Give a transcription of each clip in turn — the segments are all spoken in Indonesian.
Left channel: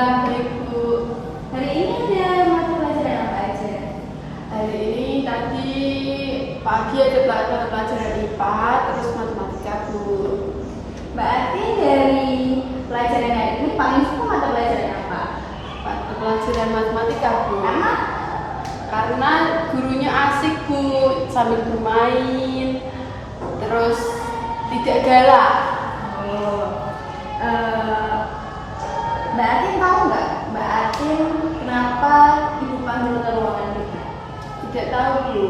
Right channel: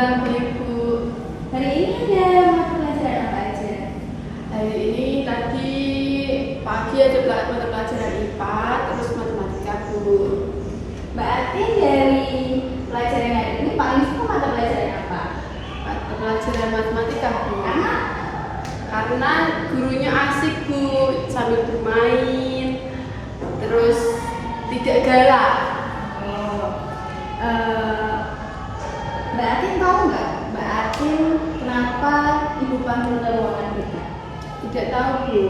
Alhamdulillah Ibu. Hari ini ada mata pelajaran apa aja? Hari ini tadi pagi ada mata pelajaran IPA, terus matematika Bu. Mbak Atin dari pelajaran hari ini paling suka mata pelajaran apa? Mata pelajaran matematika Bu. Karena Gurunya asik Bu, sambil bermain, terus tidak galak. Mbak Atin tahu nggak? Mbak Atin kenapa Ibu panggil ke ruangan kita? Tidak tahu Bu.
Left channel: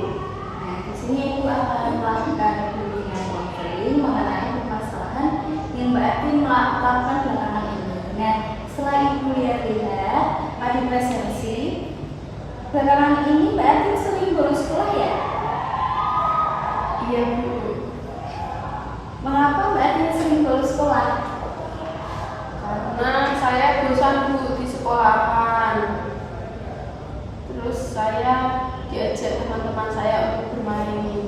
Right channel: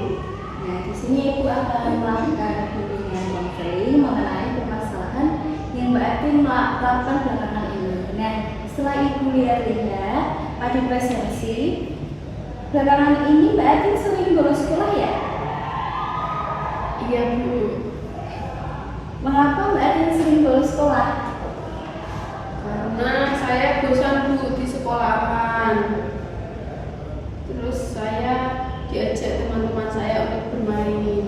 Nah, di sini Ibu akan melakukan bimbingan konseling mengenai permasalahan yang Mbak Atin lakukan belakangan ini. Nah, setelah Ibu lihat-lihat pada presensi, belakangan ini Mbak Atin sering bolos sekolah ya? Iya Bu. Mengapa Mbak Atin sering bolos sekolah? Karena saya bosan Bu di sekolahan. Terus saya diajak teman-teman saya untuk bermain.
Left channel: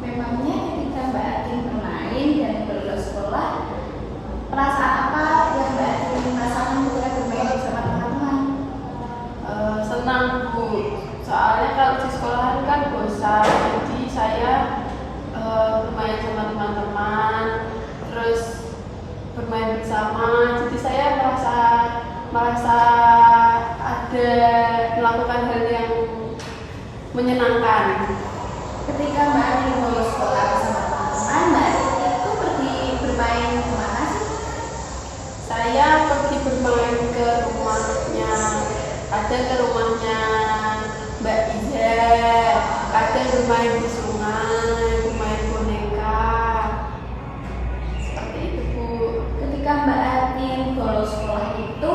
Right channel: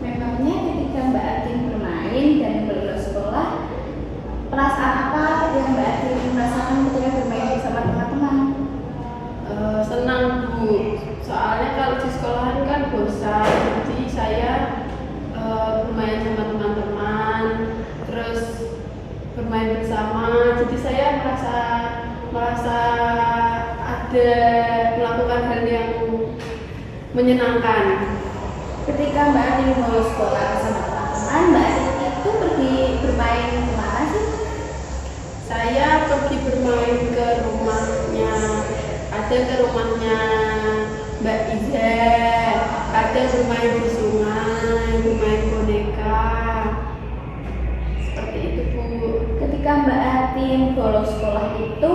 Memangnya ketika Mbak Atin bermain dan bolos sekolah, perasaan apa yang Mbak Atin rasakan ketika bermain bersama teman-teman? Senang Bu. Soalnya kalau di sekolahan kan bosan. Jadi saya bermain sama teman-teman, terus bermain bersama. Jadi saya merasa ada melakukan hal yang menyenangkan. Ketika Mbak Atin bolos sekolah bersama teman-teman, Mbak Atin itu pergi bermain kemana sih? Saya pergi bermain ke rumahnya, ada ke rumahnya Mbak Iza, ada bermain di sungai, bermain boneka, seperti itu Bu. Ketika Mbak Atin bolos sekolah itu,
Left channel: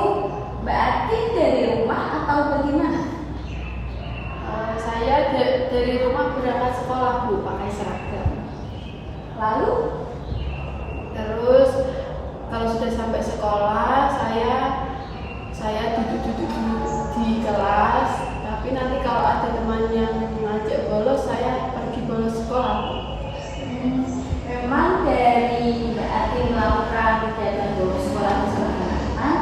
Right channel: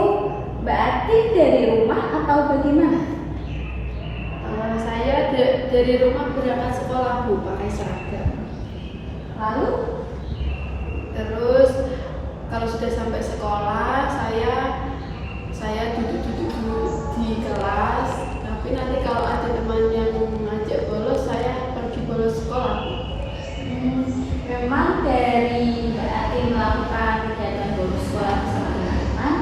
Mbak Atin dari rumah atau bagaimana? Saya dari rumah berangkat sekolah Bu, pakai seragam. Lalu Terus kalau sudah sampai sekolah, saya duduk-duduk di kelas. Tapi nanti kalau ada teman yang ngajak bolos, saya pergi bolos sekolah. memang dari Mbak Atin melakukan kegiatan bolos sekolah bersama teman-teman,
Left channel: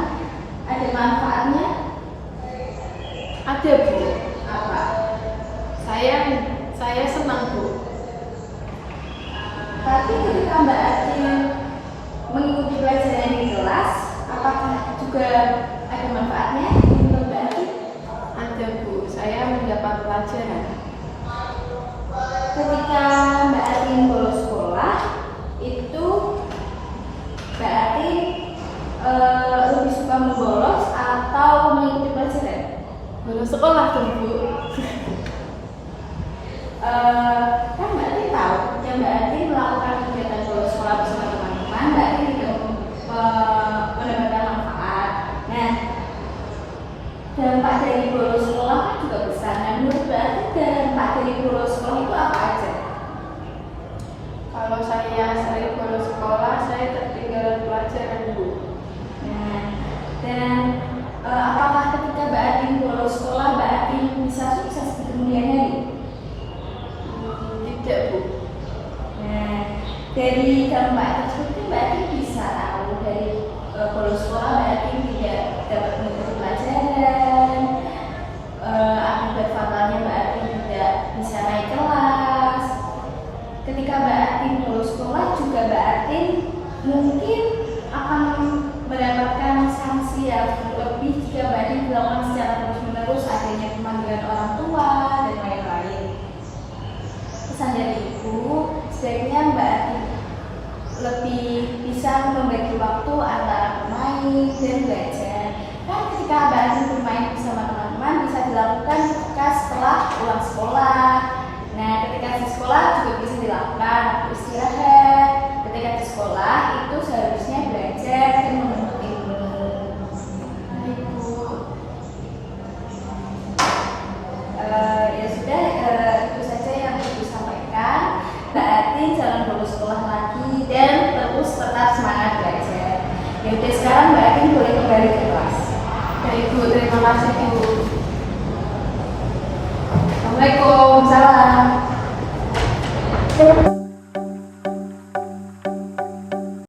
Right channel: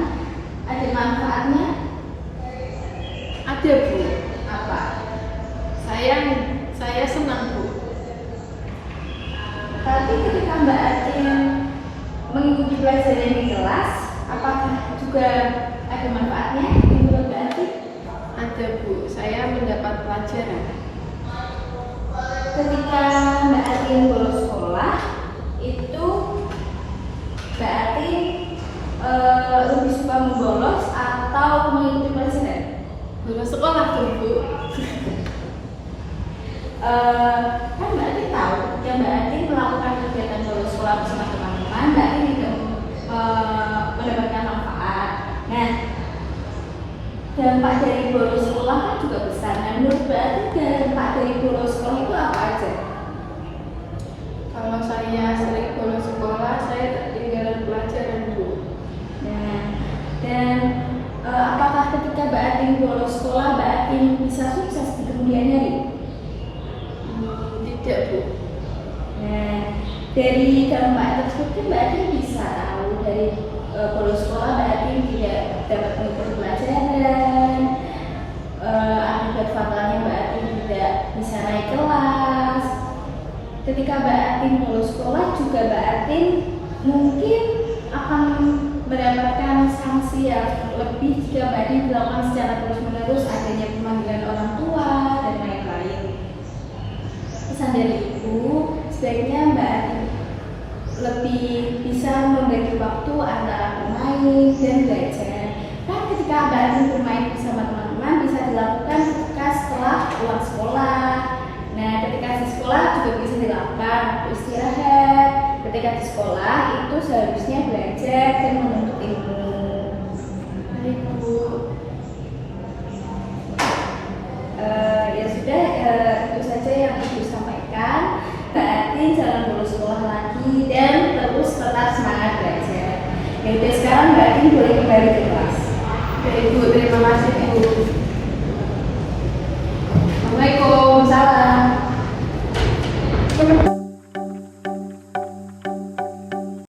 ada manfaatnya? Ada Bu. Apa? Saya senang Bu. Tapi ketika Mbak Atin mengikuti pelajaran di kelas, apakah juga ada manfaatnya menurut Mbak Atin? Ada Bu. Saya mendapat pelajaran. Ketika Mbak Atin bolos sekolah, itu Mbak Atin lebih suka membolos atau mengikuti pelajaran? Bolos sekolah tuh Bu. Kan Mbak Atin tahu, yang Mbak Atin melakukan kegiatan bolos sekolah bersama teman-teman, Mbak Atin juga mendapatkan manfaat. Nah, dampak dari bolos sekolah kan juga besar. Nah, menurut Mbak Atin dampak dari bolos sekolah itu apa aja? Kalau saya sering bolos sekolah, saya ketinggalan pelajaran Bu. Nah, dan apakah ketika Mbak Atin bolos sekolah, Mbak Atin bisa sukses di kemudian hari? Tidak Bu. Nah, dari dampak tersebut Mbak Atin bisa tahu dari bolos sekolah Mbak Atin tidak dapat mengikuti pelajaran, akibat fatalnya Mbak Atin tidak bisa naik kelas. Ketika Mbak Atin bolos sekolah juga Mbak Atin mungkin akan mendapatkan sanksi yang lebih jika Mbak Atin dilakukan secara terus-menerus, adanya pemanggilan orang tua dan lain-lain. Pesan dari Ibu, sebaiknya Mbak Atin lebih bisa membagi waktu antara bermain dan belajar. Kan ketika Mbak Atin bermain bersama teman-teman bisa dilakukan ketika setelah pulang sekolah. Nah, ketika di sekolah juga bisa dilakukan waktu istirahat. Ketika di sekolah itu seharusnya belajar dan menuntut ilmu. Baik Bu. Ya sudah, itu saja yang Ibu sampaikan. Mbak Atin jangan bolos sekolah lagi dan terus tetap semangat belajar. Ya udah, sekarang Mbak Atin boleh kembali ke kelas. Baik Bu, terima kasih Ibu. Assalamualaikum. Salam.